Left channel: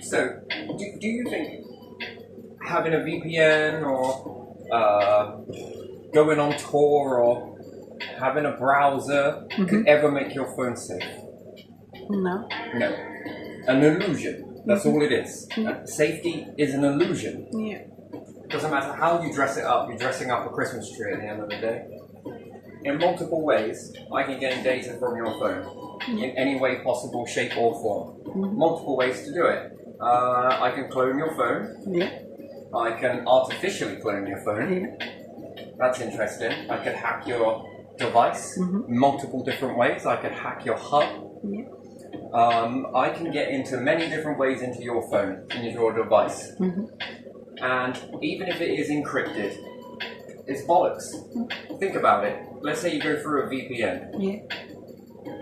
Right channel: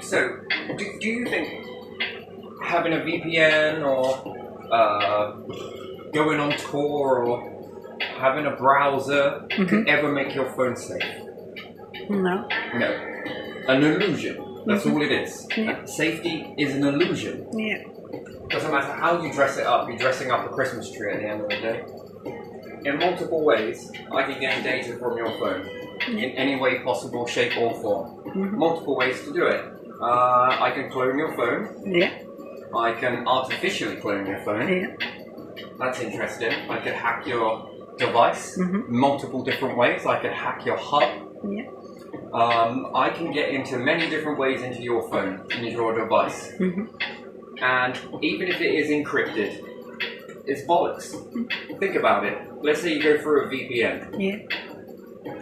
So, do you think having a VPN or going on tour or having a browser could ever make your phone safe? No. No. An illusion. That's all it is. Yeah. Safety is an illusion. Yeah. Doesn't matter how you dress it up, you're dressing up a Christmas tree at the end of the day. In multiple ways, I can gain data from your phone. In any way possible, shape or form. Multiple ways to do it. I can clone your phone. Yeah. I can artificially clone your phone. Yeah. That's interesting. I could hack your device multiple different ways. I could hack your hub. Yeah. I can get into many different ways into your phone, into your device. And even if it is encrypted, it's bollocks. Think about it. Let's say you go through a VPN. Yeah.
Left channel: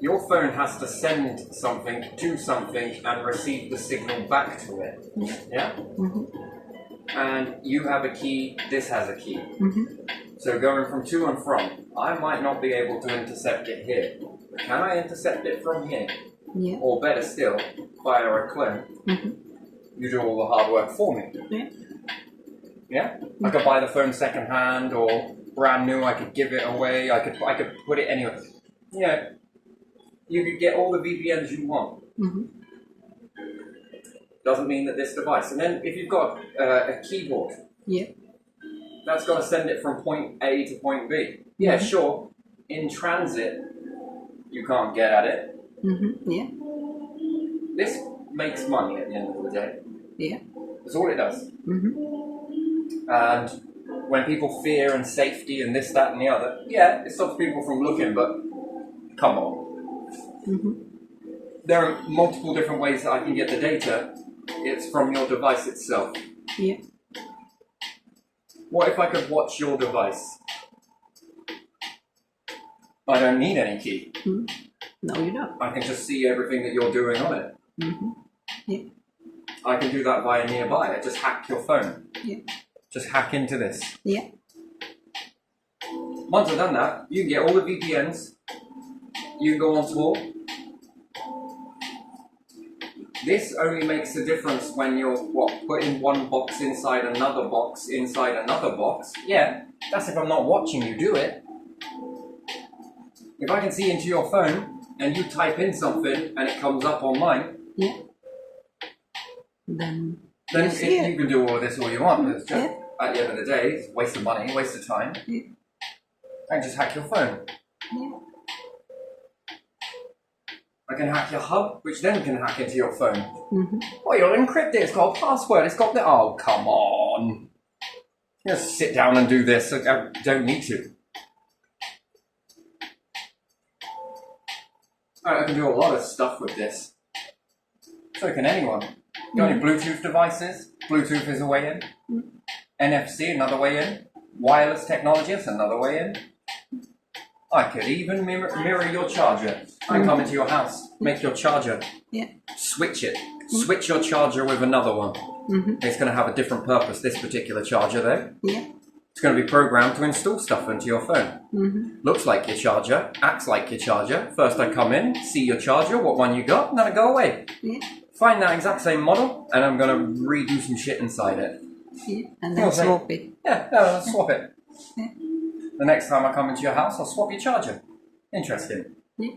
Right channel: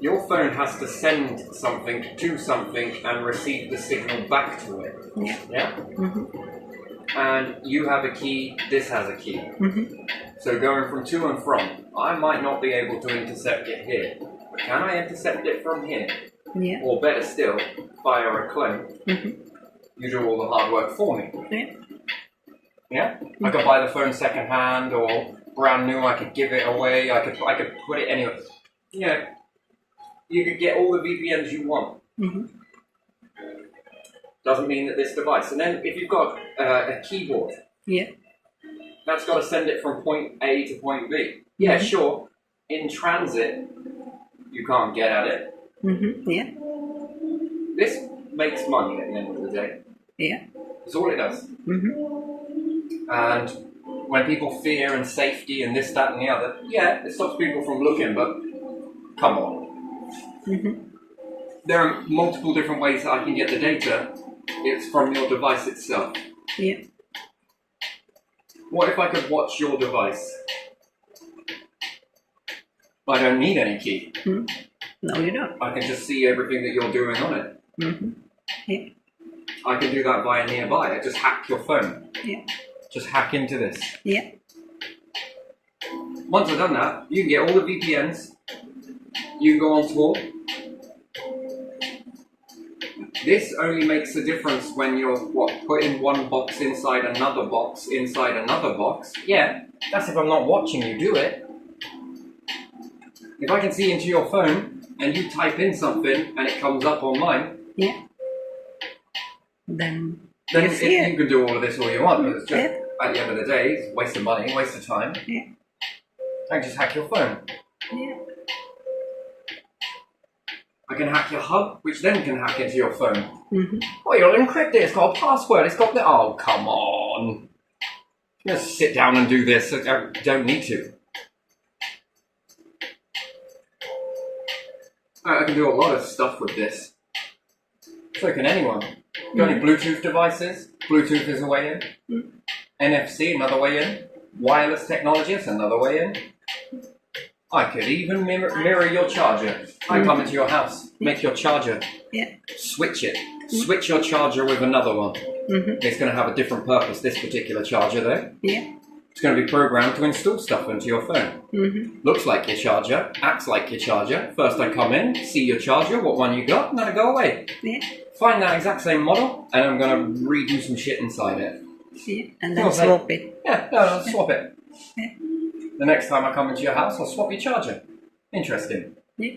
Your phone has to send something to something and receive the signal back to it. Yeah. Yeah? And you have a key, this has a key. So going from to and from, I might not be able to intercept it here. But can I intercept it from here? Yeah. Or better still, via a clone. You do all the hard work for me. Yeah. Yeah? I could buy the phone second hand or brand new, I could give it away, I could put it anywhere. Yeah. You could get all the VPNs you want. Doesn't mean that this device. And then if you've got a keyboard, Yeah. that's got to send it from point A to point B. Yeah, sure. In transit, you can't get at it. Yeah. This makes money at the end of the day. Yeah. That's all it does. And when people fear and safety and this, that, and the other, yeah, it stops people from looking, but come on. There are multiple different ways that I can get the data. It's from your device itself. Yeah. What if I could watch your device? I don't need any key. No, you don't. I can just see everything that you're doing on it. Yeah. I can do that via nearby. I just hack your phone. Yeah. Just hack into this. Yeah. Once I've done that, you can get all the VPNs. You can go on tour. This only makes a difference when you're, putting one box inside another box inside another box. Yeah, that's if I'm not watching you do it. If I can see into your phone and you type in something and it comes up on mine, Yeah. Then then you see it. you can do all of this all you want. But it's just, Yeah. at the end of the day, it's a waste of money, waste of time. Yeah. I can just hack your phone. Yeah. I can hack your hub, which then can hack into your phone. Oh, you'll encrypt it. It's got a password. It's got the... Oh, come on. You just sit down and do this. I don't need to. I can do a lot of stuff with this. So can anyone. Got any Bluetooth devices? Bluetooth is a way in. NFC, another way in. Wireless technology is another way in. I could even mirror your charger. I come into your house, make your charger, Yeah. switch it. Switch your charger with another one. It's going to have a different purpose, this particular charger though. Yeah. It's going to be programmed to install stuff into your phone. Looks like your charger, acts like your charger. First I come in, see your charger, what one you got, and then I go away. Yeah. Find that exact same model, and I'm going to redo some shit inside it. Yeah. And then Okay. swap it. Yeah, no, I'll swap it. Yeah. The next time I come into your house, I'll swap your charger. Interesting. Yeah.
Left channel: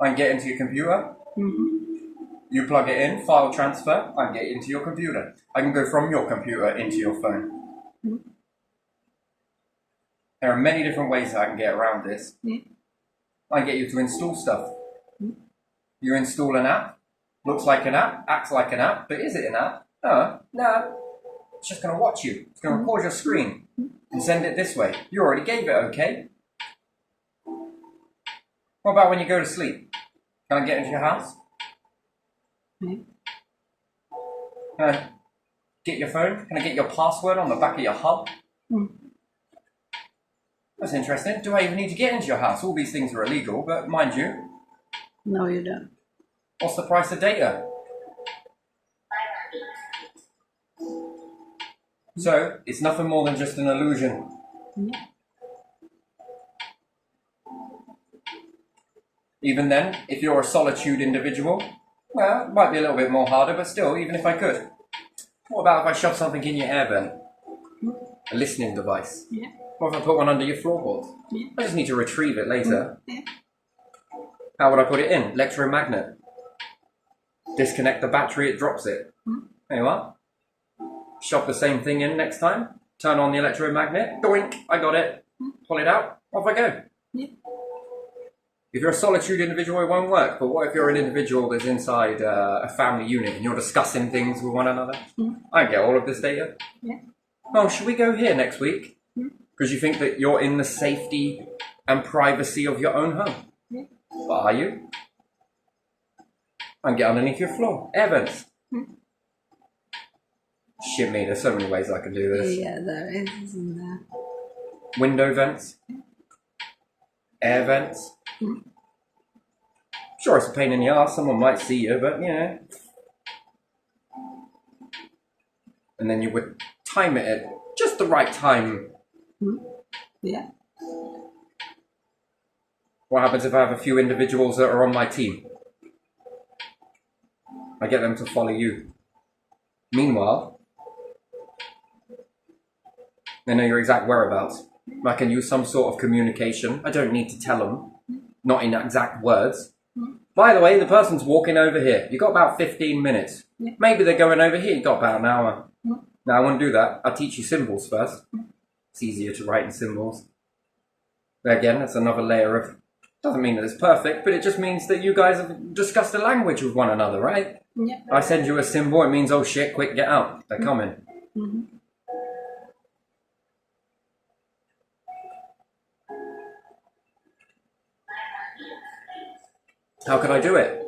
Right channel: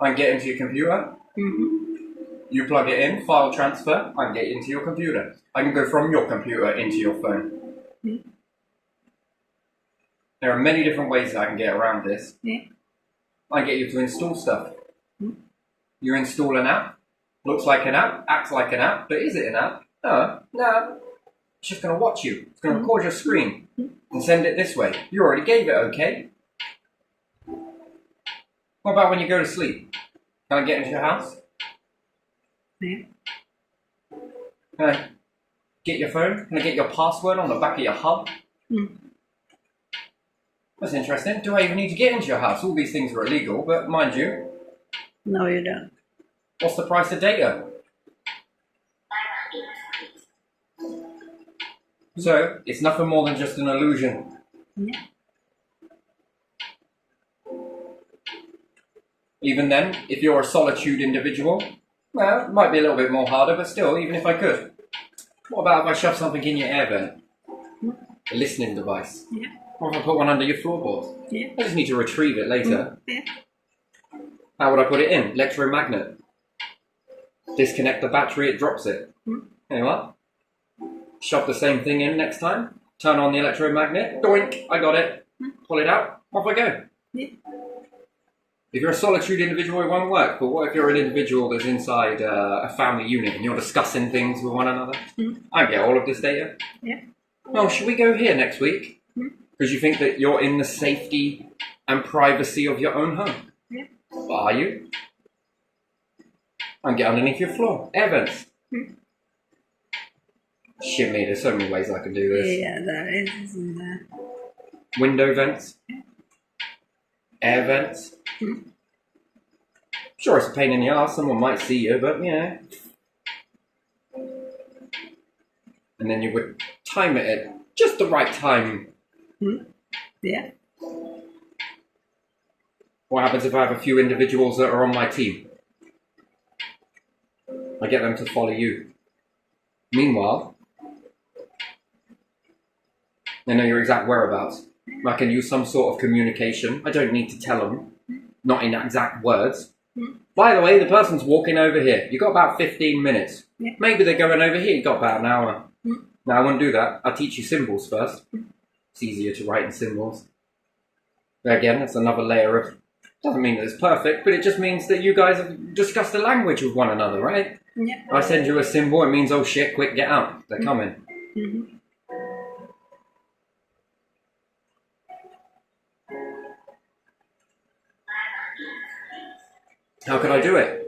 I can get into your computer. You plug it in, file transfer, I can get into your computer. I can go from your computer into your phone. There are many different ways that I can get around this. Yeah. I can get you to install stuff. You install an app, looks like an app, acts like an app, but is it an app? No. It's just going to watch you. It's going to record your screen and send it this way. You already gave it okay. What about when you go to sleep? Can I get into your house? Yeah. Can I get your phone? Can I get your password on the back of your hub? That's interesting. Do I even need to get into your house? All these things are illegal, but mind you, No, you don't. what's the price of data? So, it's nothing more than just an illusion. Yeah. Even then, if you're a solitude individual, well, it might be a little bit more harder, but still, even if I could. What about if I shove something in your air vent? A listening device. Yeah. What if I put one under your floorboards? Yeah. I just need to retrieve it later. Yeah. How would I put it in? Electromagnet. Disconnect the battery, it drops it. You know what? Shove the same thing in next time. Turn on the electromagnet. Doink! I got it. Pull it out. Off I go. Yeah. If you're a solitude individual, it won't work. But what if you're an individual that's inside a family unit and you're discussing things with one another? I get all of this data. Yeah. Well, should we go here next week? Because you think that you're in the safety and privacy of your own home. Yeah. But are you? I can get underneath your floor. Air vents. Shit me, there's so many ways I can do this. Yeah, there is, isn't there? Window vents. Air vents. Sure, it's a pain in the arse. Someone might see you, but yeah. And then you would time it at just the right time. Yeah. What happens if I have a few individuals that are on my team? I get them to follow you. Meanwhile, they know your exact whereabouts. I can use some sort of communication. I don't need to tell them, not in exact words. By the way, the person's walking over here. You've got about 15 minutes. Yeah. Maybe they're going over here. You've got about an hour. Now, I wouldn't do that. I'll teach you symbols first. It's easier to write in symbols. But again, that's another layer of... Doesn't mean that it's perfect, but it just means that you guys have discussed the language with one another, right? Yeah. I send you a symbol, it means, oh shit, quick, get out. They're coming. How could I do it?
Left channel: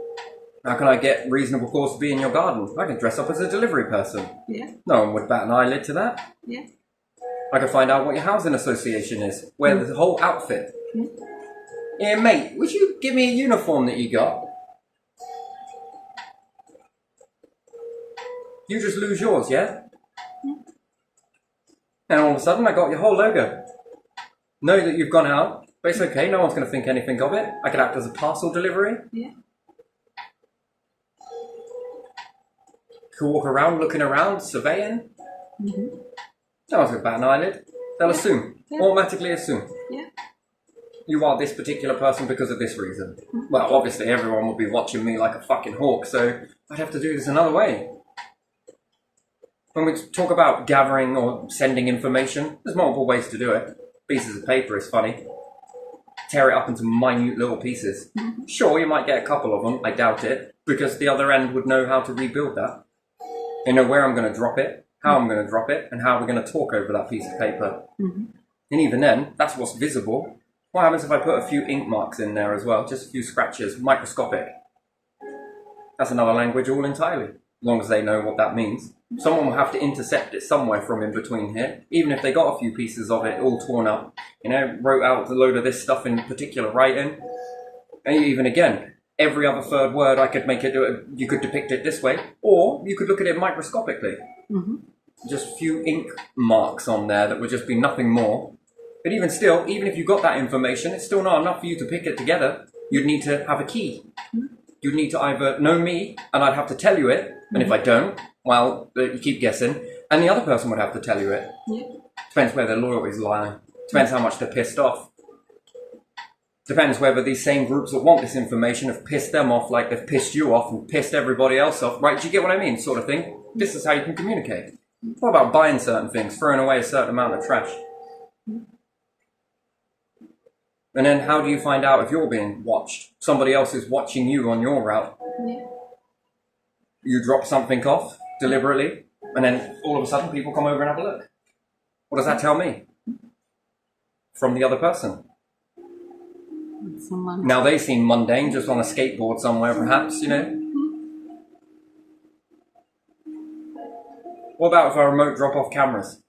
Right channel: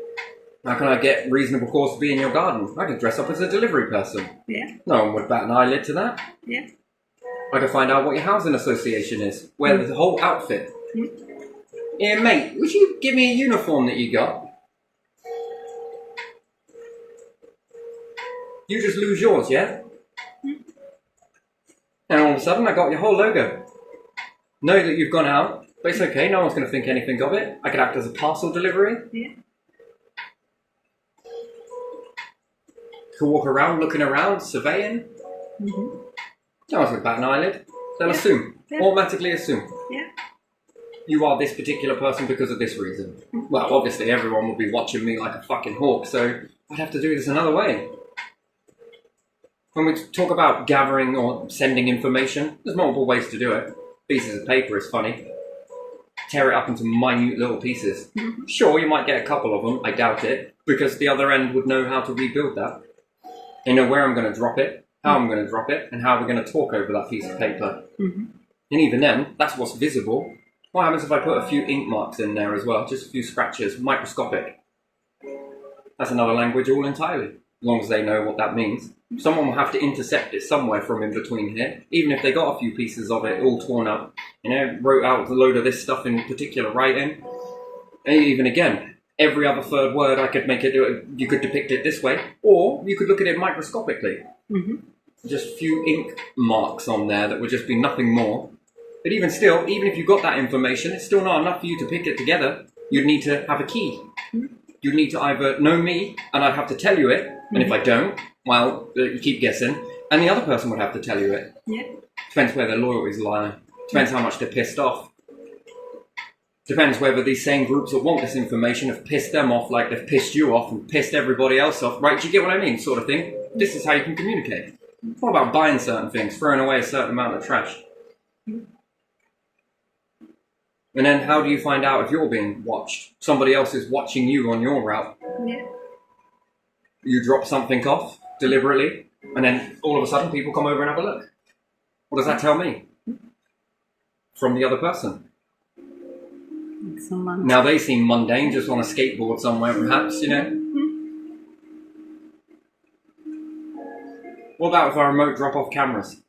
How can I get reasonable cause to be in your garden? I could dress up as a delivery person. Yeah. No one would bat an eyelid to that. Yeah. I could find out what your housing association is. Wear the whole outfit. Yeah, mate, would you give me a uniform that you got? You just lose yours, yeah? And all of a sudden, I got your whole logo. Know that you've gone out, but it's okay, no one's going to think anything of it. I could act as a parcel delivery. Yeah. Could walk around, looking around, surveying. No one's going to bat an eyelid. They'll assume. Yeah. Automatically assume. Yeah. You are this particular person because of this reason. Well, obviously everyone will be watching me like a fucking hawk, so I'd have to do this another way. When we talk about gathering or sending information, there's multiple ways to do it. Pieces of paper is funny. Tear it up into minute little pieces. Sure, you might get a couple of them, I doubt it, because the other end would know how to rebuild that. They know where I'm going to drop it, how I'm going to drop it, and how we're going to talk over that piece of paper. And even then, that's what's visible. What happens if I put a few ink marks in there as well? Just a few scratches, microscopic. That's another language all entirely, as long as they know what that means. Someone will have to intercept it somewhere from in between here, even if they got a few pieces of it all torn up. You know, wrote out a load of this stuff in particular writing. And even again, every other third word I could make it, you could depict it this way, or you could look at it microscopically. Just a few ink marks on there that would just be nothing more. But even still, even if you got that information, it's still not enough for you to pick it together. You'd need to have a key. You'd need to either know me, and I'd have to tell you it, and if I don't, well, you keep guessing, and the other person would have to tell you it. Yeah. Depends where their loyalties lie. Depends how much they're pissed off. Depends whether these same groups that want this information have pissed them off like they've pissed you off and pissed everybody else off. Right, do you get what I mean? Sort of thing. This is how you can communicate. What about buying certain things, throwing away a certain amount of trash? And then how do you find out if you're being watched? Somebody else is watching you on your route. Yeah. You drop something off deliberately, and then all of a sudden people come over and have a look. What does that tell me? From the other person. Someone. Now they seem mundane, just on a skateboard somewhere perhaps, you know? What about if I remote drop-off cameras?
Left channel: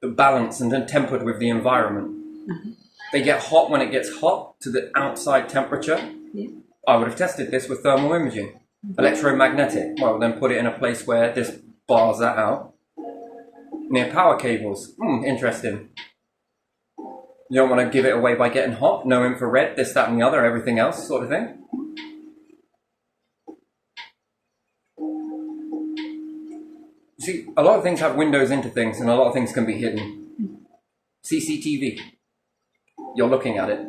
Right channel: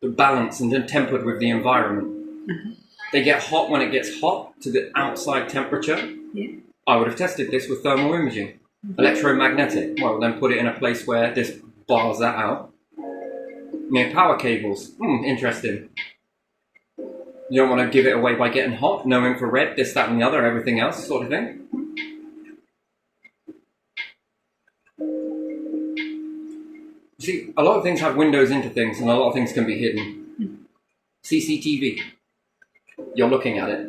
They're balanced and then tempered with the environment. They get hot when it gets hot to the outside temperature. Yeah. I would have tested this with thermal imaging. Electromagnetic. Well, then put it in a place where this bars that out. Near power cables. Interesting. You don't want to give it away by getting hot. No infrared, this, that and the other, everything else sort of thing. See, a lot of things have windows into things, and a lot of things can be hidden. CCTV. You're looking at it.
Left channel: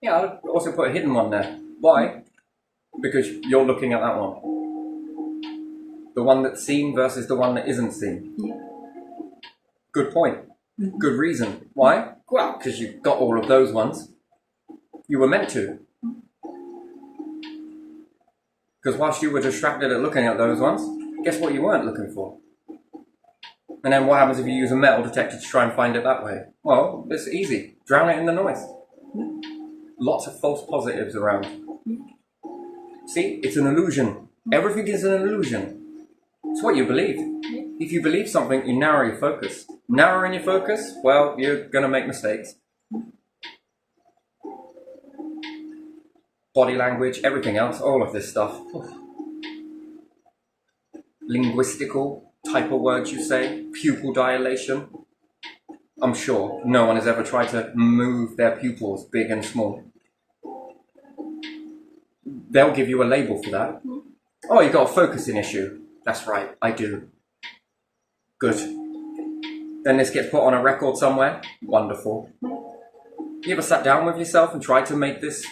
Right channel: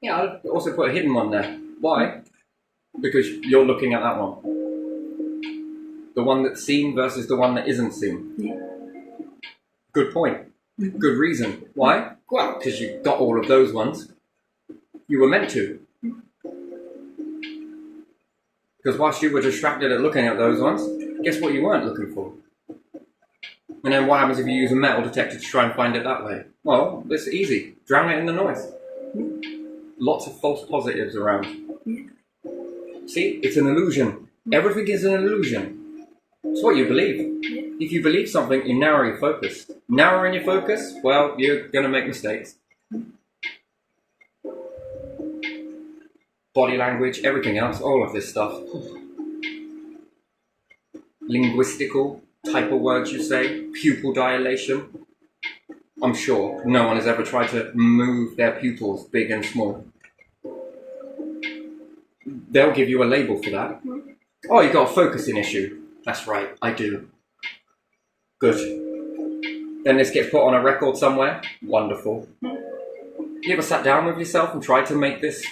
Yeah, I'd also put a hidden one there. Why? Because you're looking at that one. The one that's seen versus the one that isn't seen. Yeah. Good point. Good reason. Why? Well, because you got all of those ones. You were meant to. Because whilst you were distracted at looking at those ones, guess what you weren't looking for? And then what happens if you use a metal detector to try and find it that way? Well, it's easy. Drown it in the noise. Lots of false positives around. Yeah. See, it's an illusion. Everything is an illusion. It's what you believe. Yeah. If you believe something, you narrow your focus. Narrowing your focus, well, you're going to make mistakes. Body language, everything else, all of this stuff. Linguistical type of words you say, pupil dilation. I'm sure no one has ever tried to move their pupils big and small. They'll give you a label for that. Oh, you got a focusing issue. That's right, I do. Good. Then this gets put on a record somewhere. Wonderful. You ever sat down with yourself and tried to make this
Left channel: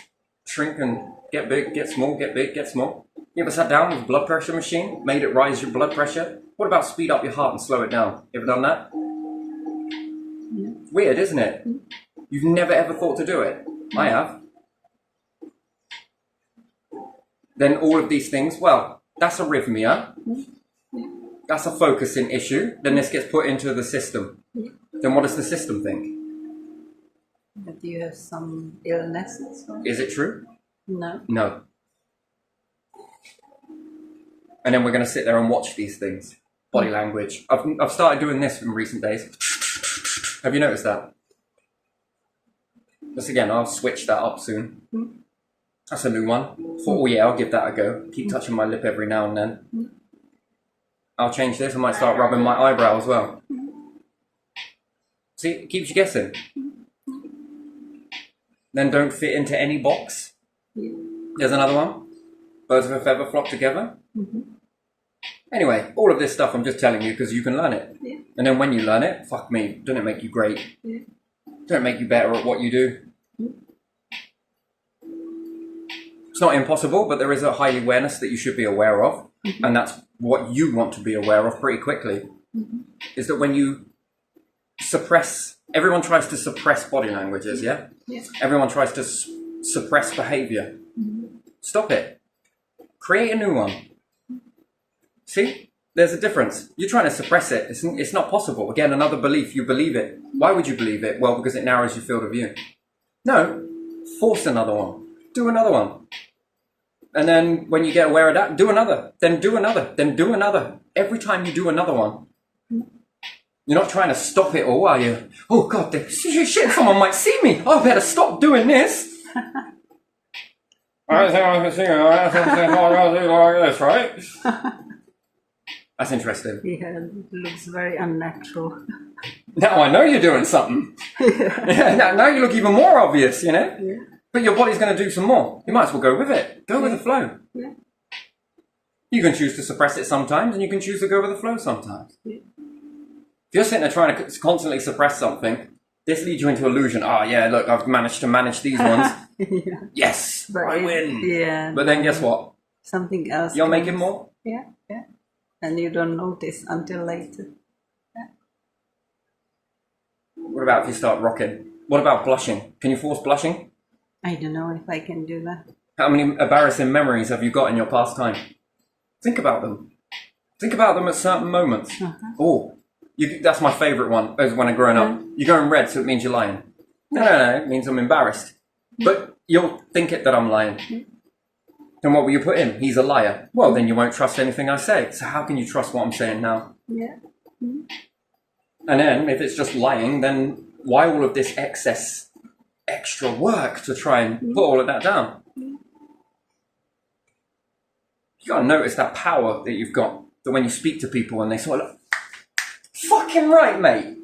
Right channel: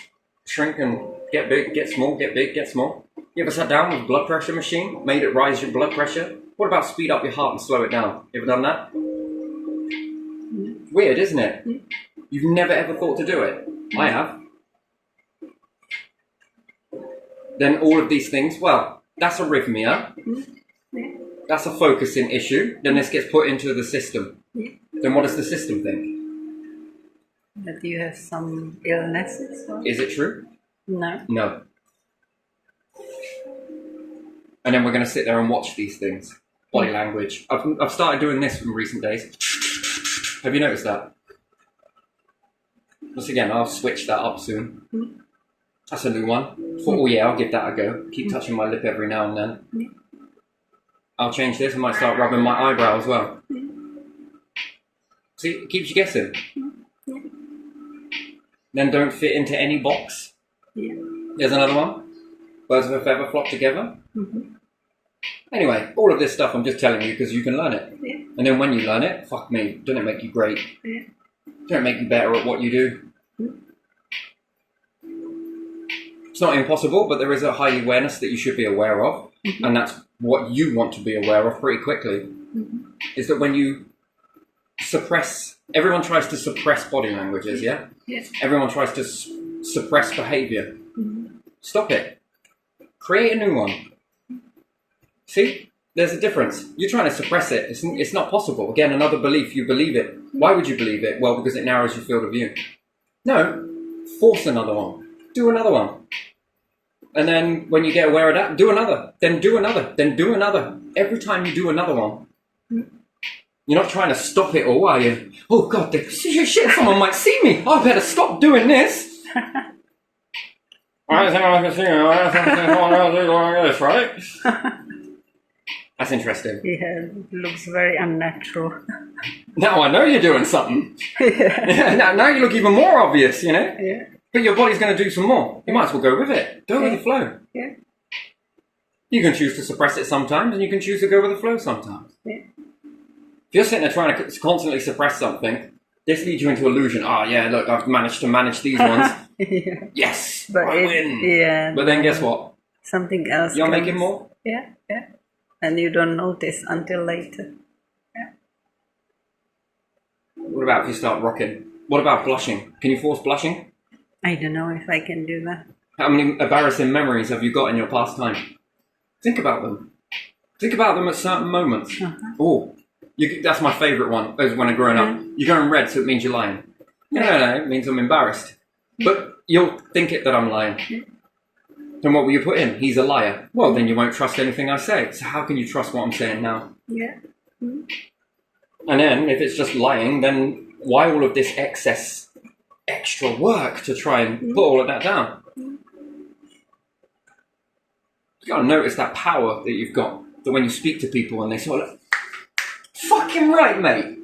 shrink and get big, get small, get big, get small? You ever sat down with a blood pressure machine, made it rise your blood pressure? What about speed up your heart and slow it down? You ever done that? Weird, isn't it? You've never ever thought to do it. I have. Then all of these things, well, that's arrhythmia. That's a focusing issue. Then this gets put into the system. Then what does the system think? That you have some illnesses? Or? Is it true? No. No. And then we're going to sit there and watch these things. Body language. I've started doing this in recent days. Have you noticed that? Once again, I'll switch that up soon. That's a new one. Thought, oh yeah, I'll give that a go. Keep touching my lip every now and then. I'll change this. I might start rubbing my eyebrow as well. See, it keeps you guessing. Then don't fit into any box. Yeah. There's another one. Birds of a feather flock together. Anyway, all of this stuff I'm just telling you because you can learn it. Yeah. And then when you learn it, fuck me, doesn't it make you great? Yeah. Don't it make you better at what you do? It's not impossible, but there is a high awareness that you should be aware of. And that's what you want to be aware of pretty quickly. Is that when you suppress, everyone tries to suppress body languages, yeah? Yes. Everyone tries to suppress behavior. Stop it. Create a new one. See? There's a difference. You're trying to suppress it. It's not possible. Again, another belief. You believe it. Why would you believe it? Well, because it narrows your field of view. No. Force another one. Do another one. And then when you get aware of that, do another. Then do another. Then do another. Every time you do another one. You're not trying to stop it all, are you? Oh, God, shit, someone might see me. I better stop doing this. I think I can see you. I think this, right? That's interesting. Yeah, it looks very unnatural. Now I know you're doing something. now you look even more obvious, you know? Yeah. But your body's going to do some more. You might as well go with it. Go with the flow. Yeah. You can choose to suppress it sometimes, and you can choose to go with the flow sometimes. Yeah. If you're sitting there trying to constantly suppress something, this leads you into illusion. Oh, yeah, look, I've managed to manage these ones. Yeah. Yes, But I win. Yeah. But then guess what? Something else. You're comes. making more. Yeah. Yeah. And you don't notice until later. What about if you start rocking? What about blushing? Can you force blushing? I don't know if I can do that. How many embarrassing memories have you got in your past time? Think about them. Think about them at certain moments. Oh, that's my favourite one, as when I'm growing up. You're going red, so it means you're lying. No, it means I'm embarrassed. But you'll think it that I'm lying. Then what will you put in? He's a liar. Well, then you won't trust anything I say. So how can you trust what I'm saying now? Yeah. And then, if it's just lying, then why all of this extra work to try and put all of that down? You got to notice that power that you've got. That when you speak to people and they sort of, fucking right, mate.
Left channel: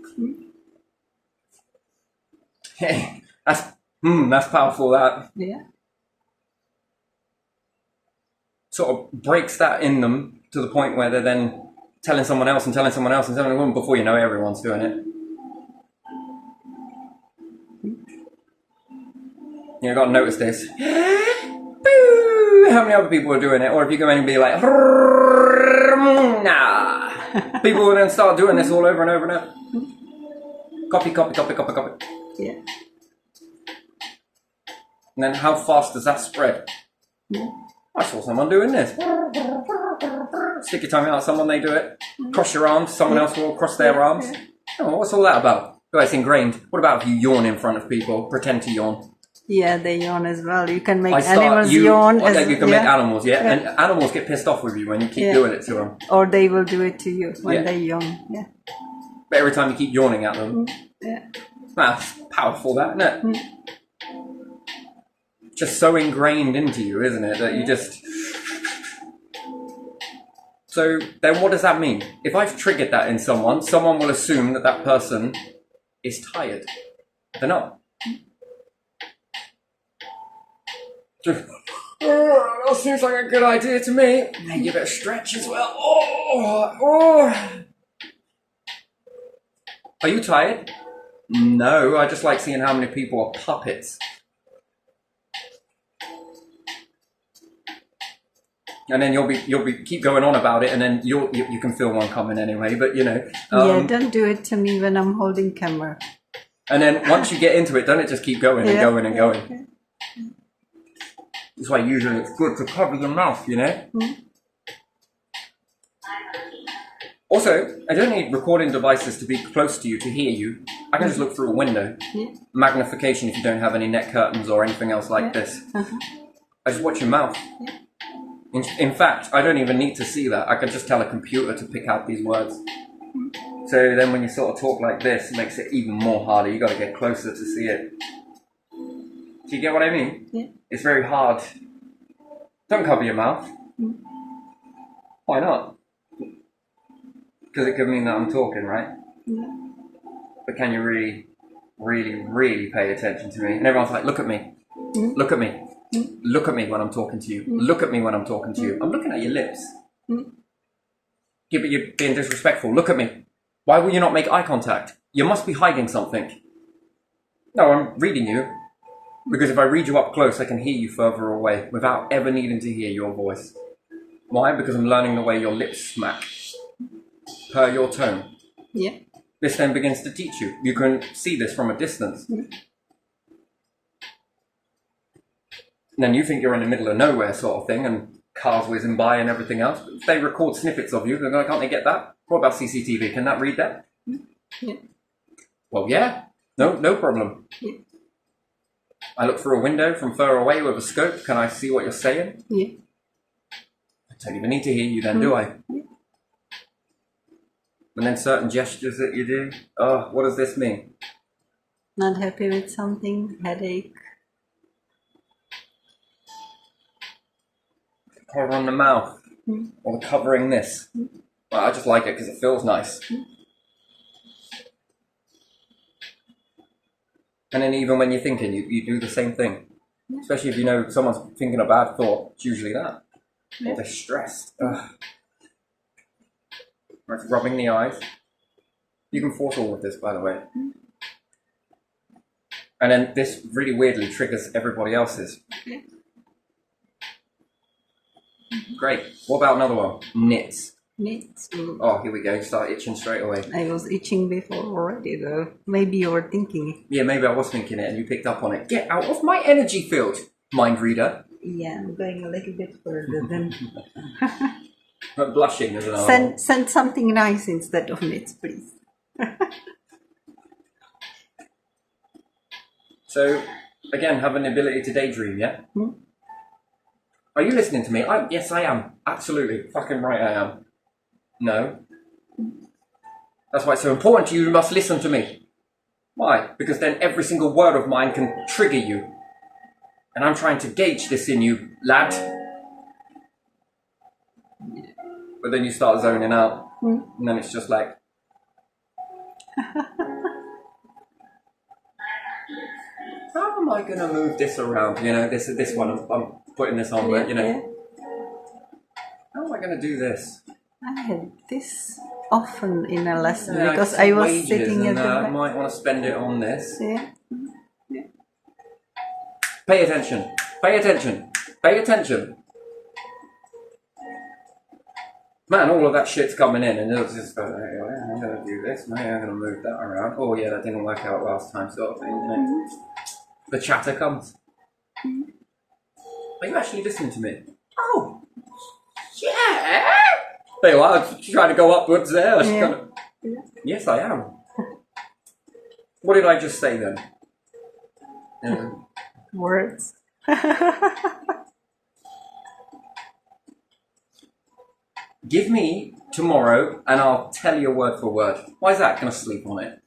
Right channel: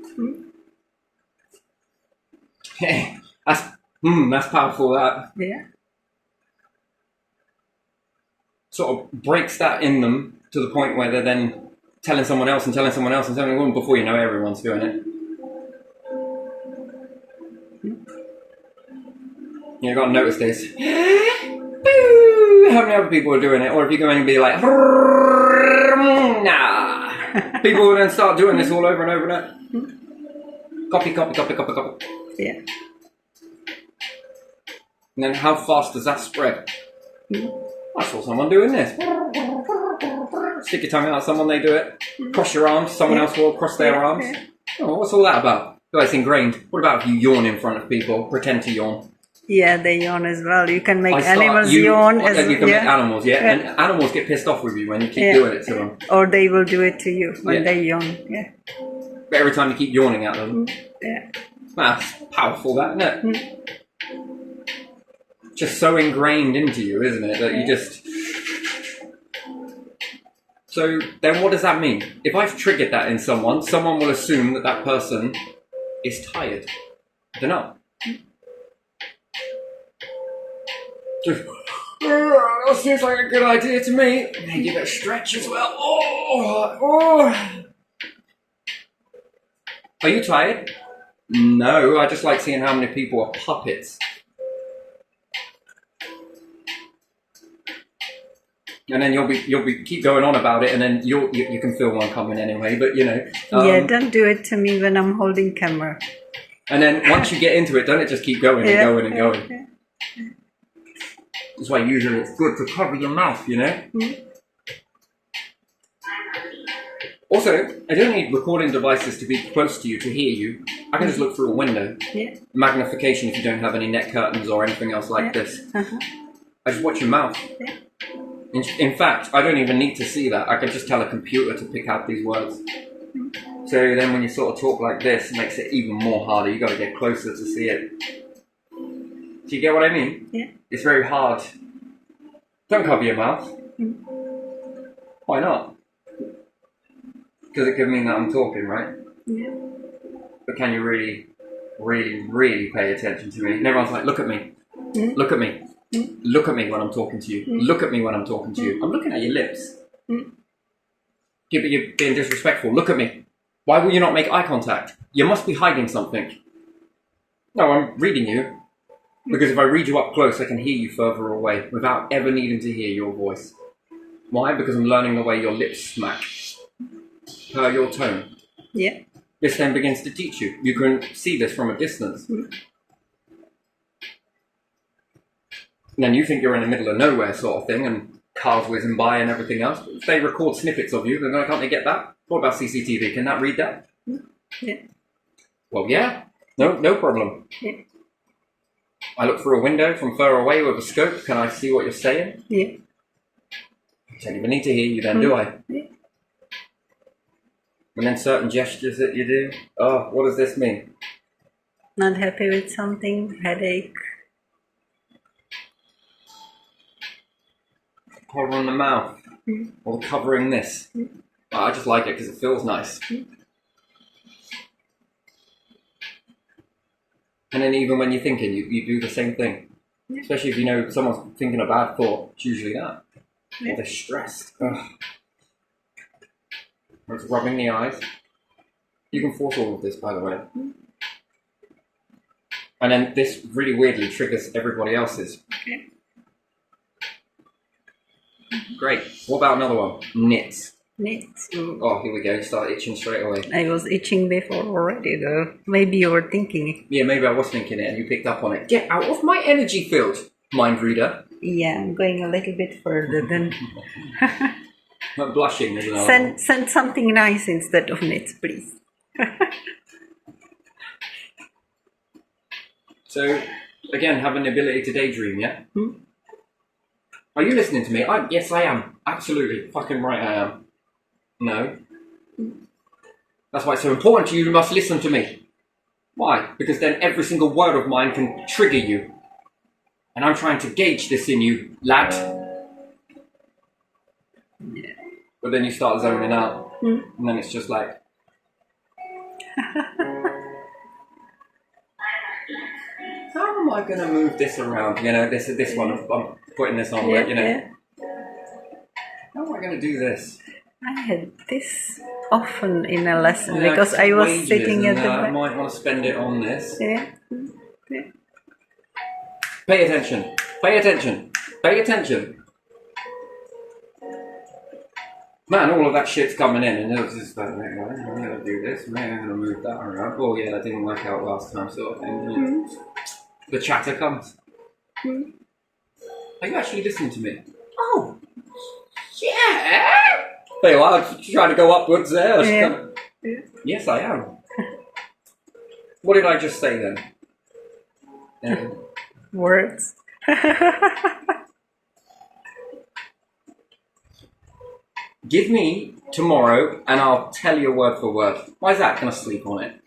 That's powerful. That. Yeah. sort of breaks that in them to the point where they're then telling someone else and telling someone else and telling someone, before you know, everyone's doing it. You got to notice this. How many other people are doing it? Or if you go in and be like, nah. People will then start doing this all over and over and over. Copy, copy, copy, copy, copy. Yeah. And then how fast does that spread? I saw someone doing this. Stick your tongue out at someone, they do it. Cross your arms, someone else will cross their arms. Oh, what's all that about? Oh, it's ingrained. What about if you yawn in front of people? Pretend to yawn. Yeah, they yawn as well. You can make animals yawn as well. You can make animals, yeah. And animals get pissed off with you when you keep doing it to them. Or they will do it to you when they yawn. Yeah. But every time you keep yawning at them. Yeah. That's powerful, that, isn't it? Just so ingrained into you, isn't it? That you just... So then what does that mean? If I've triggered that in someone, someone will assume that that person is tired. They're not. That seems like a good idea to me. Maybe give it a stretch as well. Oh. Are you tired? No, I just like seeing how many people are puppets. And then you'll be keep going on about it, and then you can feel one coming anyway. But you know. Don't do it to me when I'm holding camera. And then once you get into it, don't it just keep going and going and going? Yeah. That's why usually it's good to cover your mouth, you know? Also, I don't need recording devices to be close to you to hear you. I can just look through a window. Yeah. Magnification if you don't have any net curtains or anything else like this. I just watch your mouth. Yeah. In fact, I don't even need to see that. I can just tell a computer to pick out these words. So then when you sort of talk like this, it makes it even more harder. You've got to get closer to see it. Do you get what I mean? Yeah. It's very hard. Don't cover your mouth. Why not? Because it could mean that I'm talking, right? Yeah. But can you really, really, really pay attention to me? And everyone's like, look at me. Look at me. Look at me when I'm talking to you. Look at me when I'm talking to you. I'm looking at your lips. Yeah, but you're being disrespectful. Look at me. Why will you not make eye contact? You must be hiding something. No, I'm reading you. Because if I read you up close, I can hear you further away without ever needing to hear your voice. Why? Because I'm learning the way your lips smack per your tone. Yeah. This then begins to teach you. You can see this from a distance. And then you think you're in the middle of nowhere sort of thing and cars whizzing by and everything else. But if they record snippets of you, then can't they get that? What about CCTV? Can that read that? Yeah. Well, yeah. No problem. Yeah. I look through a window from far away with a scope. Can I see what you're saying? Yeah. I don't even need to hear you then, do I? Yeah. And then certain gestures that you do. Oh, what does this mean? Not happy with something, headache. Covering the mouth. Or covering this. Oh, I just like it because it feels nice. And then even when you're thinking, you do the same thing. Yeah. Especially if you know someone's thinking a bad thought. It's usually that. Yeah. Or they're stressed. Ugh. Or it's rubbing the eyes. You can force all of this, by the way. And then this really weirdly triggers everybody else's. Okay. Great. What about another one? Knits. Knits. Oh, here we go. You start itching straight away. I was itching before already, though. Maybe you were thinking it. Yeah, maybe I was thinking it and you picked up on it. Get out of my energy field, mind reader. Yeah, I'm going a little bit further than... I'm blushing as well. Send something nice instead of knits, please. So, again, have an ability to daydream, yeah? Are you listening to me? Yes, I am. Absolutely. Fucking right I am. No. That's why it's so important to you. You must listen to me. Why? Because then every single word of mine can trigger you. And I'm trying to gauge this in you, lad. Yeah. But then you start zoning out. And then it's just like... How am I going to move this around? You know, this one, I'm putting this on, but, you know... Yeah. I going to do this? I had this often in a lesson Yeah, because it's I was wages sitting at and the I back. might want to spend it on this. Yeah. Pay attention. Pay attention. Pay attention. Man, all of that shit's coming in, and it was just like, I'm going to do this, maybe I'm going to move that around. Oh, yeah, that didn't work out last time, sort of thing. Mm-hmm. The chatter comes. Mm-hmm. Are you actually listening to me? Oh, yeah. Hey, well, I was trying to go upwards there. Yeah. Yeah. Yes, I am. What did I just say then? Words. Give me tomorrow and I'll tell you word for word. Why is that? Can I sleep on it?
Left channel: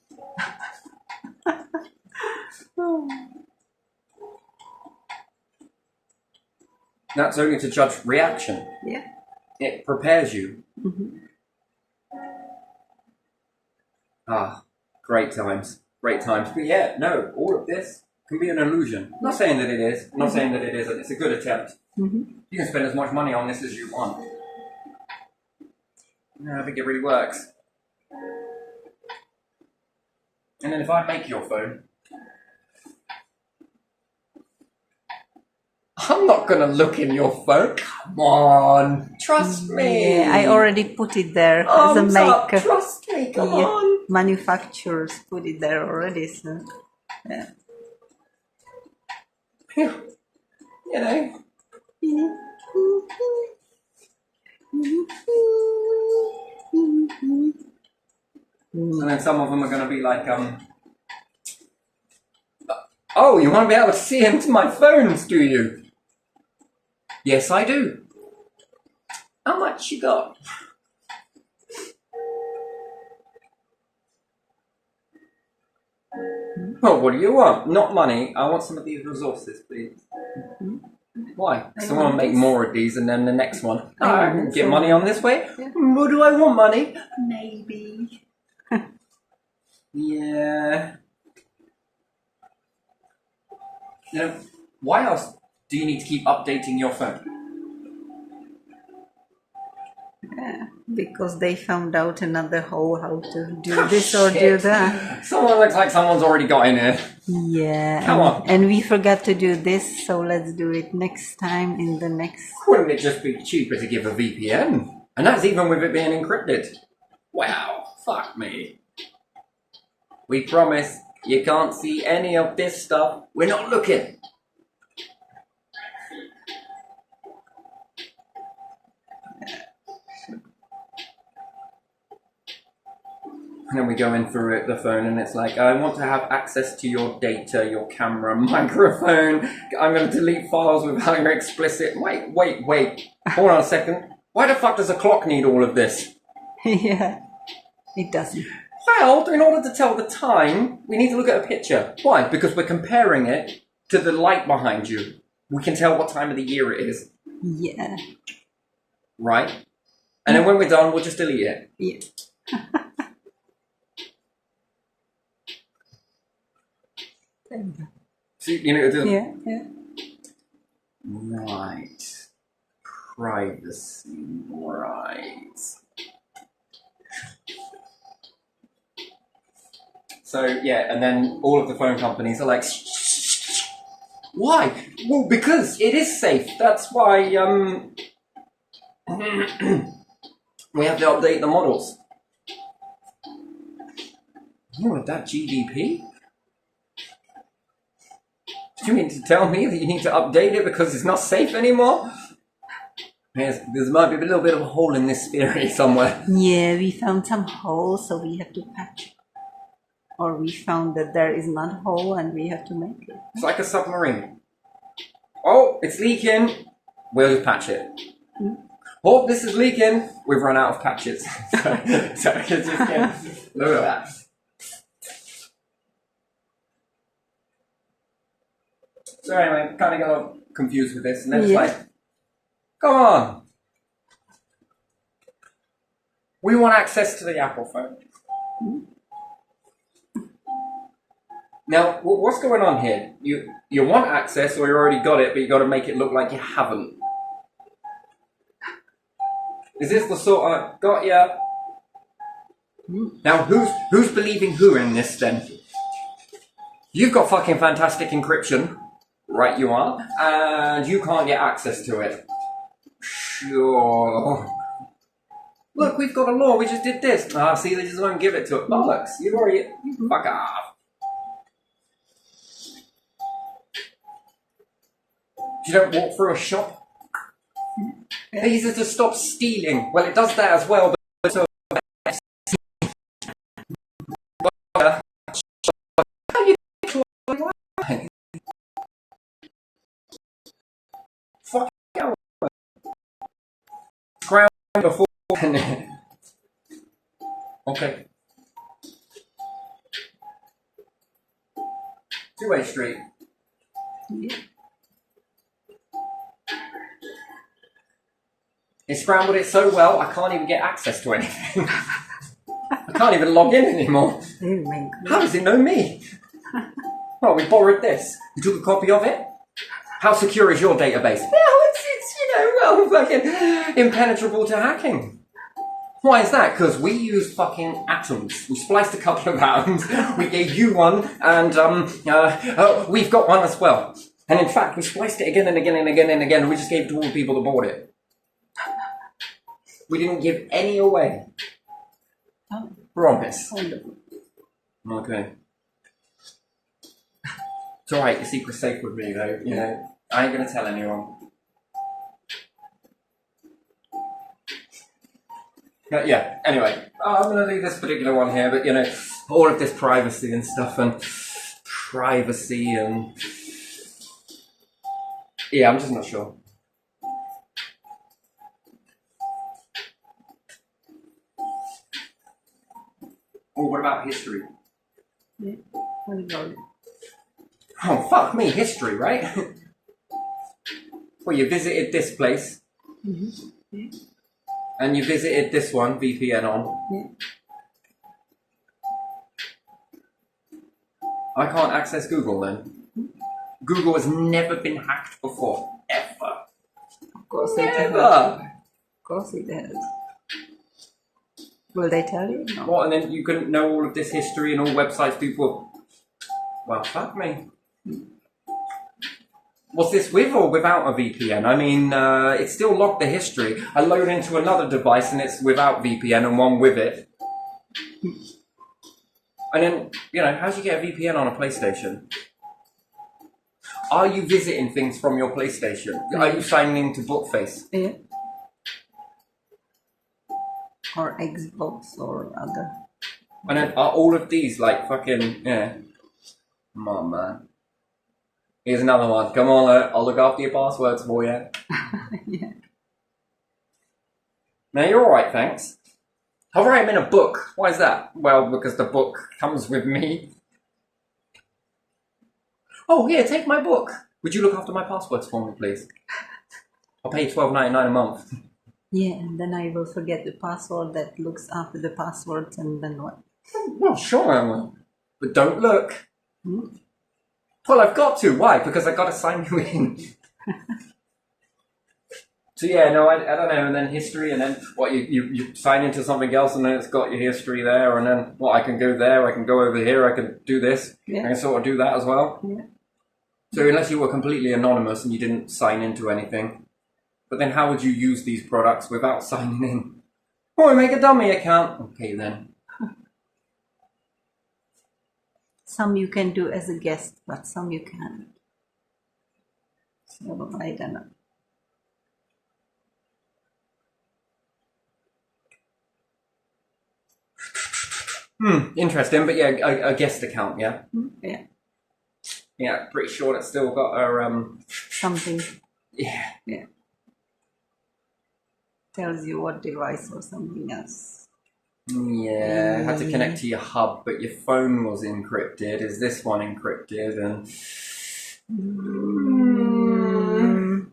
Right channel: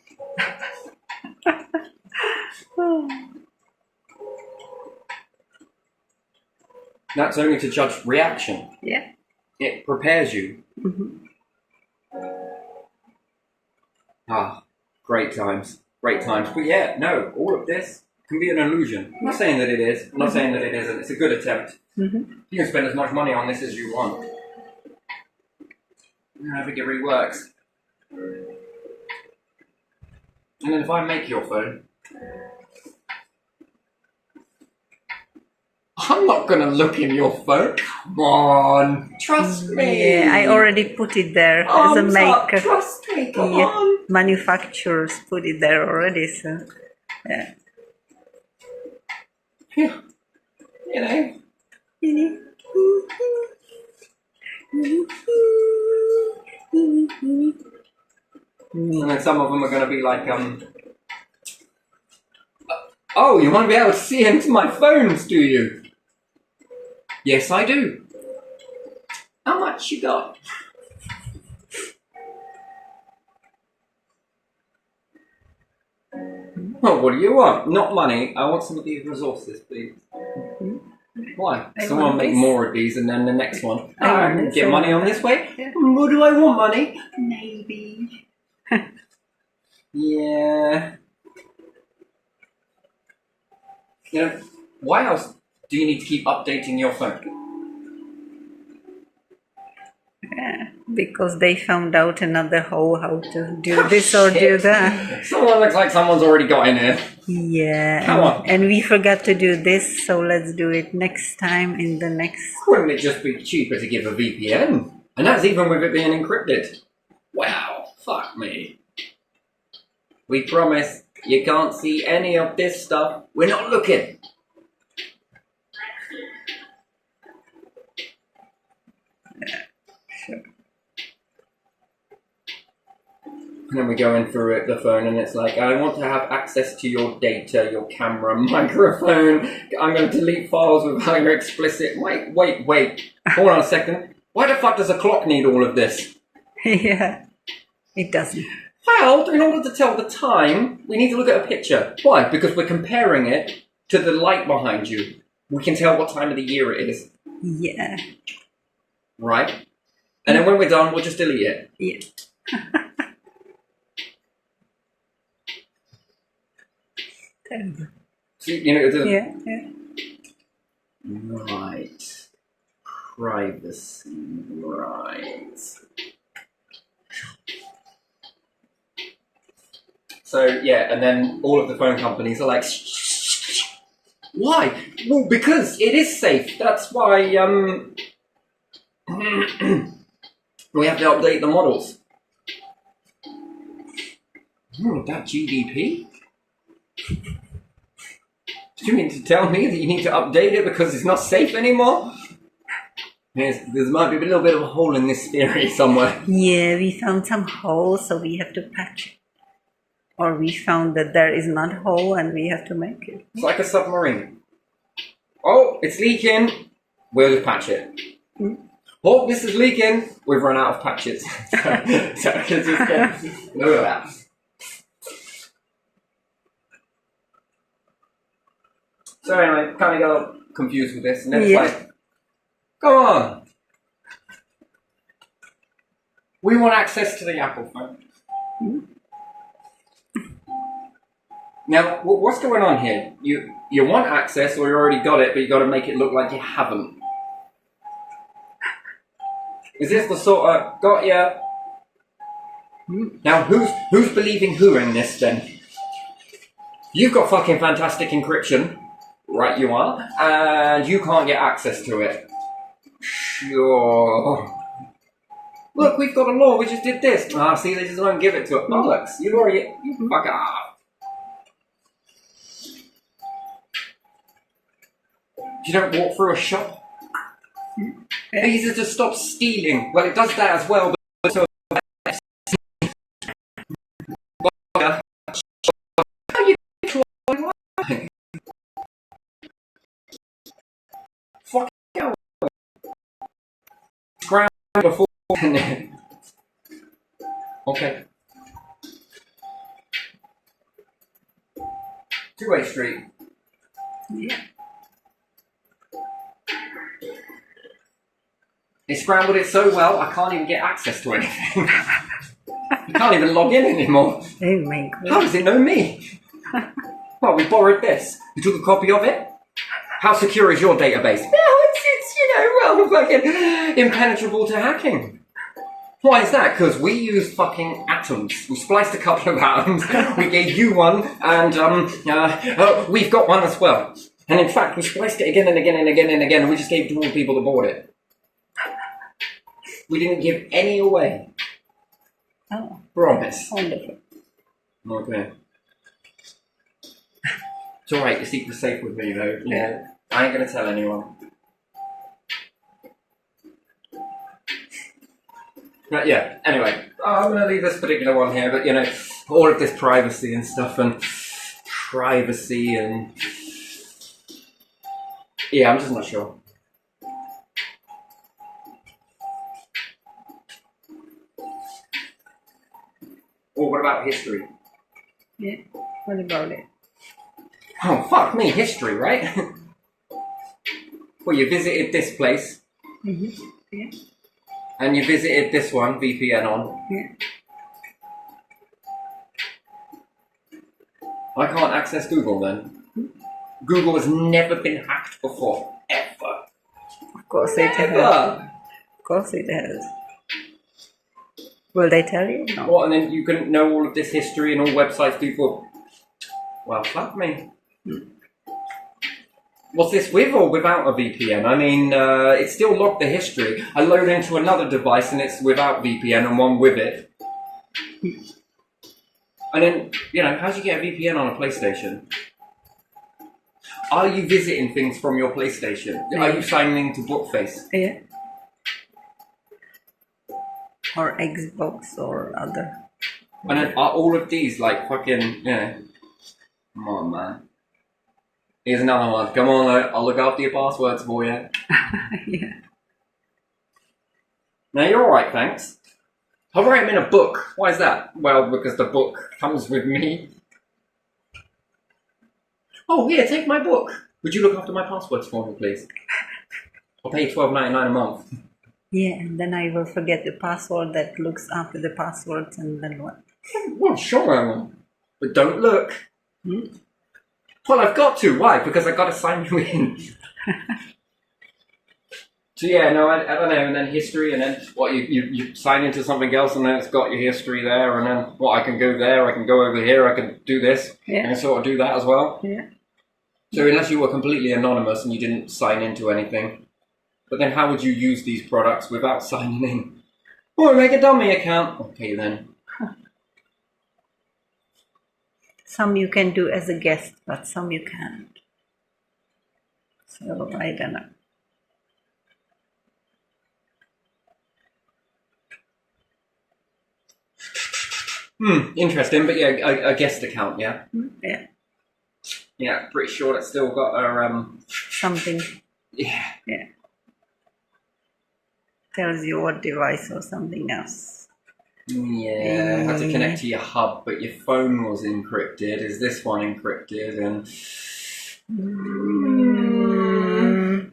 That's only to judge reaction. Yeah. It prepares you. Mm-hmm. Ah, great times. Great times. But yeah, no, all of this can be an illusion. I'm not saying that it is. I'm not saying that it isn't. It's a good attempt. Mm-hmm. You can spend as much money on this as you want. I think it really works. And then if I make your phone, I'm not going to look in your phone. Come on. Trust me. Yeah, I already put it there as a Arms up. maker. Trust me. Come Yeah, on. manufacturers put it there already, so yeah. You know. And then some of them are going to be like, oh, you want to be able to see into my phones, do you? Yes, I do. How much you got? Oh, what do you want? Not money. I want some of these resources, please. Why? I Someone want make this. more of these and then the next one. I want this, Get I money want on this way? Yeah. Well, do I want money? Maybe. Yeah. You know, why else do you need to keep updating your phone? Yeah, because they found out another hole how to do this or do that. Someone looks like someone's already got in there. Yeah, Come on. and we forgot to do this, so let's do it next time in the next. Wouldn't it just be cheaper to give a VPN? And that's even with it being encrypted. Wow, fuck me. We promise you can't see any of this stuff. We're not looking. Sure. And then we go in through the phone and it's like, I want to have access to your data, your camera, microphone. I'm going to delete files without your explicit. Wait. Hold on a second. Why the fuck does a clock need all of this? Yeah, it doesn't. Well, in order to tell the time, we need to look at a picture. Why? Because we're comparing it to the light behind you. We can tell what time of the year it is. Yeah. Right? And then when we're done, we'll just delete it. Yeah. Terrible. So, you know, Yeah, yeah. Right. Privacy. Right. So, yeah, and then all of the phone companies are like, shh. Why? Well, because it is safe. That's why, we have to update the models. Oh, that GDP? Do you mean to tell me that you need to update it because it's not safe anymore? There might be a little bit of a hole in this theory somewhere. Yeah, we found some holes, so we have to patch it. Or we found that there is not a hole and we have to make it. It's like a submarine. Oh, it's leaking. We'll just patch it. Oh, this is leaking. We've run out of patches. so it's just, look at that. So anyway, kind of got confused with this, and then it's like, come on. We want access to the Apple phone. Now, what's going on here? You want access, or you already got it, but you got to make it look like you haven't. Is this the sort of got ya? Now who's believing who in this then? You've got fucking fantastic encryption, right? You are, and you can't get access to it. Sure. Look, we've got a law. We just did this. Ah, see, they just won't give it to it. Bollocks! You've already fuck off. You don't walk through a shop. Easier to stop stealing. Well, it does that as well. But so fuck you. Ground before. Okay. Two-way street. Yeah. It scrambled it so well, I can't even get access to anything. I can't even log in anymore. Oh my God. How does it know me? Well, we borrowed this. You took a copy of it? How secure is your database? Well, it's well, fucking impenetrable to hacking. Why is that? Because we used fucking atoms. We spliced a couple of atoms. We gave you one, and we've got one as well. And in fact, we spliced it again and again and again and again, and we just gave it to all the people that bought it. We didn't give any away. Oh, Promise. wonderful. Okay. It's alright, your secret's safe with me though. You know, I ain't gonna tell anyone. But yeah, anyway, I'm gonna leave this particular one here, but you know, all of this privacy and stuff and privacy and yeah, I'm just not sure. Or what about history? Yeah. What about it? Oh, fuck me, history, right? Well, you visited this place. Mm-hmm. Yeah. And you visited this one, VPN on. Yeah. I can't access Google then. Google has never been hacked before. Ever. Of course it has. Never. Of course it has. Will they tell you? No. What, and then you couldn't know all of this history and all websites people... Well, fuck me. Was this with or without a VPN? I mean, it still logged the history. I load into another device and it's without VPN and one with it. And then, you know, how do you get a VPN on a PlayStation? Are you visiting things from your PlayStation? Are you signing into Bookface? Yeah. Or Xbox or other. And then are all of these like fucking, you know... Come on, man. Here's another one. Come on, I'll look after your passwords for you. Yeah. Now, you're alright, thanks. I'll write them in a book. Why is that? Well, because the book comes with me. Oh, here, take my book. Would you look after my passwords for me, please? I'll pay you $12.99 a month. Yeah, and then I will forget the password that looks after the passwords, and then what? Well, sure I will. But don't look. Hmm? Well, I've got to. Why? Because I've got to sign you in. So yeah, no, I don't know. And then history, and then what? You sign into something else, and then it's got your history there, and then what? I can go there, I can go over here, I can do this, Yeah. I can sort of do that as well. Yeah. So unless you were completely anonymous and you didn't sign into anything, but then how would you use these products without signing in? Oh, make a dummy account. Okay then. Some you can do as a guest, but some you can't. So I don't know. Interesting, but yeah, a guest account, yeah? Yeah. Yeah, pretty sure that's still got a, Something, yeah. yeah. Tells you what device or something else. Yeah, had to connect to your hub, but your phone was encrypted. Is this one encrypted? And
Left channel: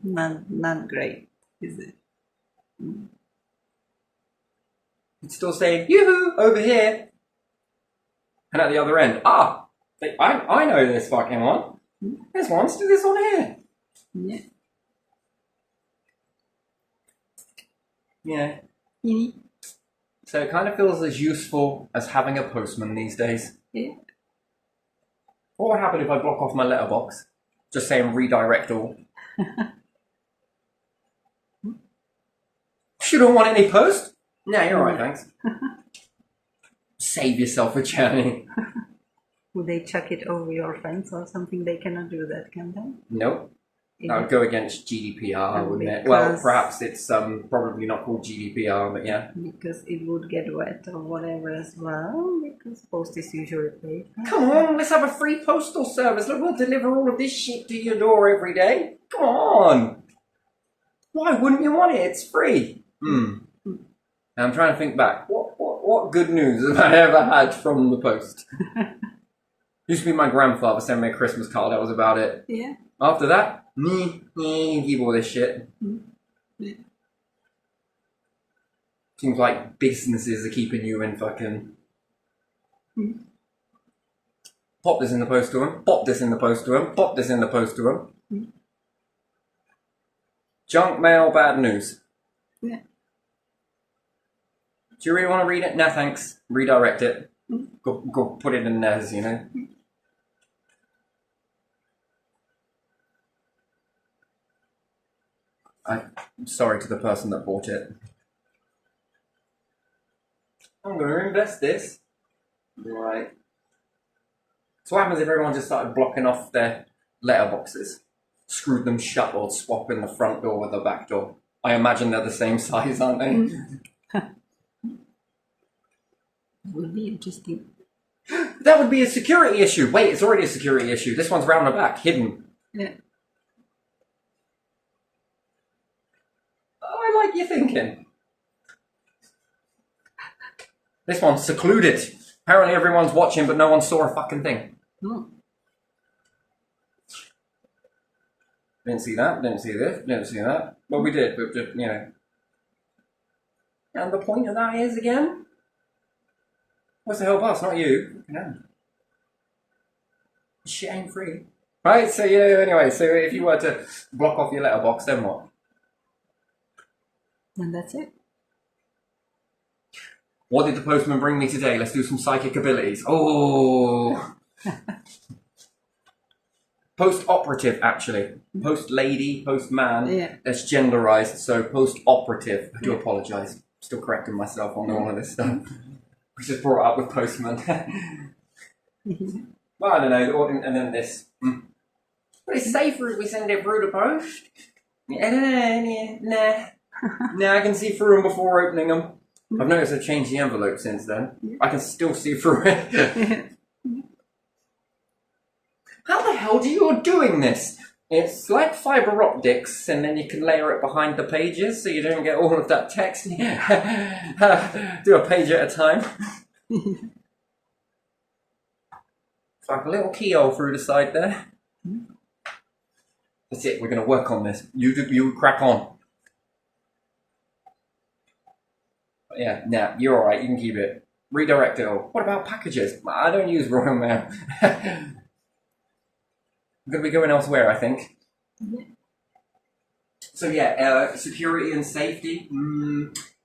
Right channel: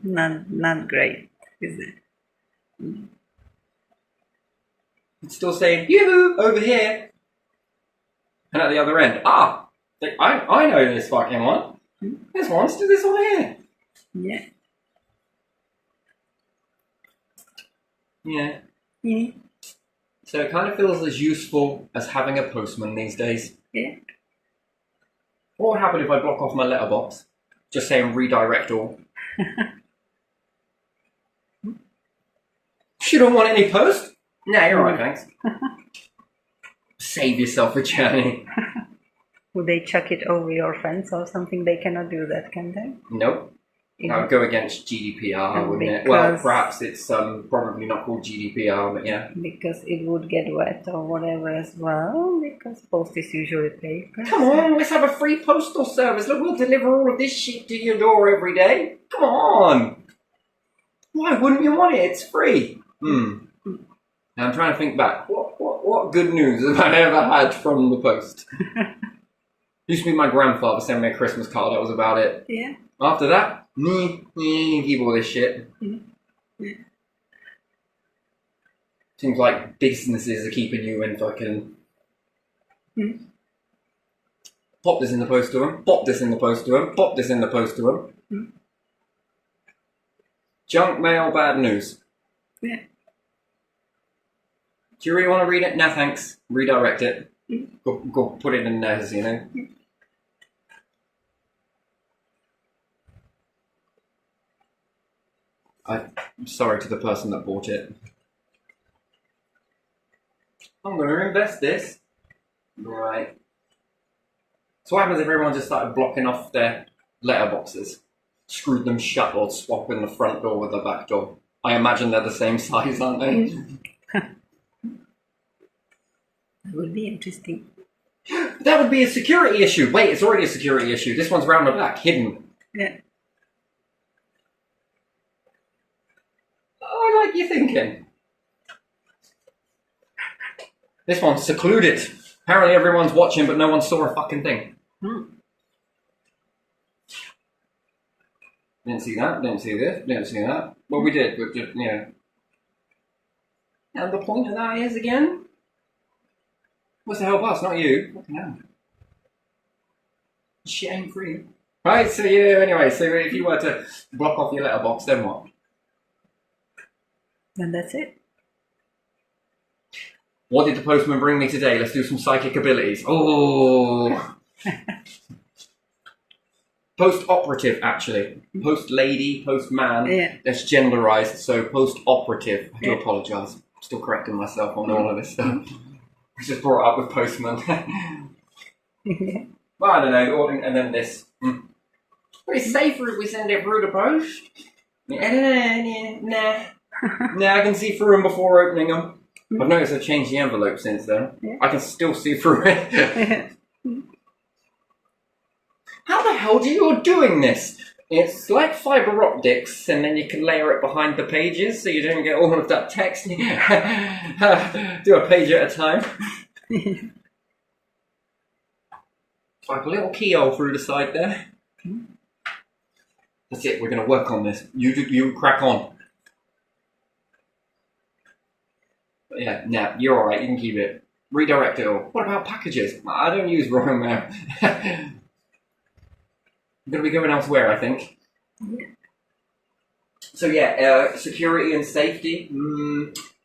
Not great, is it? it's still saying, yoo-hoo, over here. And at the other end, I know this fucking one. This one's do this one here. Yeah. Yeah. Mm. So it kind of feels as useful as having a postman these days. Yeah. What would happen if I block off my letterbox? Just saying redirect all. You don't want any post? No, you're alright, thanks. Save yourself a journey. Would they chuck it over your fence or something? They cannot do that, can they? Nope. It- That would go against GDPR, wouldn't it? Well, perhaps it's probably not called GDPR, but yeah. Because it would get wet or whatever as well, because post is usually paper. Come on, let's have a free postal service. Look, we'll deliver all of this shit to your door every day. Come on. Why wouldn't you want it? It's free. Now I'm trying to think back. What good news have I ever had from the post? Used to be my grandfather sent me a Christmas card. That was about it. Yeah. After that, keep all this shit. Yeah. Seems like businesses are keeping you in fucking... Pop this in the post to him. Pop this in the post to him. Pop this in the post to him. Junk mail, bad news. Yeah. Do you really want to read it? No, thanks. Redirect it. Go put it in theirs, you know. I'm sorry to the person that bought it. I'm going to invest this. Right. So what happens if everyone just started blocking off their letterboxes? Screwed them shut or swapping the front door with the back door? I imagine they're the same size, aren't they? That would be interesting. That would be a security issue. Wait, it's already a security issue. This one's round the back, hidden. Yeah. I like your thinking. This one's secluded. Apparently everyone's watching, but no one saw a fucking thing. Didn't see that, didn't see this, didn't see that. Well, we did, but just, you know. And the point of that is, again, what's to help us, not you. Fucking hell. Shit ain't free. Right, so yeah, anyway, so if you were to block off your letterbox, then what? And that's it. What did the postman bring me today? Let's do some psychic abilities. Oh. Post-operative, actually. Post-lady, post-man. Yeah. That's genderized, so post-operative. I do apologise. Still correcting myself on all of this stuff. We just brought it up with postman. Well, I don't know. And then this. But it's safer if we send it through the post. Nah. Nah, I can see through them before opening them. I've noticed I've changed the envelope since then. Yeah. I can still see through it. How the hell do you doing this? It's like fibre optics, and then you can layer it behind the pages so you don't get all of that text. Do a page at a time. It's like a little keyhole through the side there. That's it, we're going to work on this. You crack on. But yeah, nah, you're alright, you can keep it. Redirect it all. What about packages? I don't use Royal Mail. I'm going to be going elsewhere, I think. Yeah. So yeah, security and safety,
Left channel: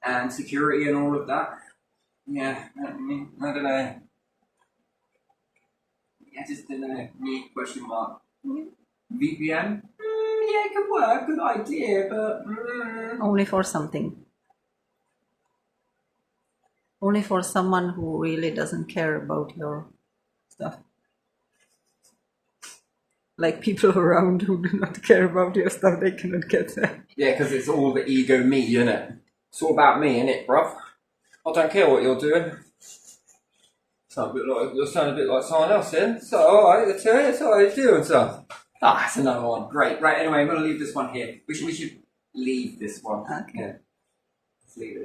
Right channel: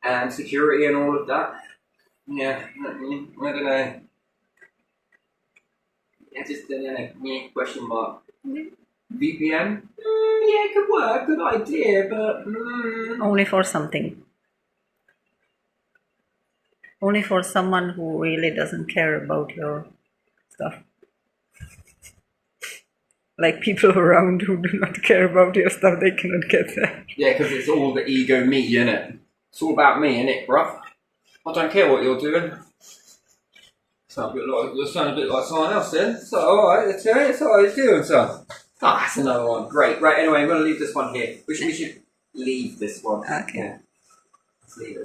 and security and all of that. Yeah, I don't know. I just don't know. Question mark. VPN? Yeah, it could work. Good idea, but... Only for something. Only for someone who really doesn't care about your stuff. Like people around who do not care about your stuff, they cannot get that. Yeah, because it's all the ego me, innit? It's all about me, innit, bruv? I don't care what you're doing. Sound a bit like someone else then. So, alright, that's how you're doing, son. Ah, that's another one. Great. Right, anyway, I'm going to leave this one here. We should leave this one. Okay. Yeah. Let's leave it.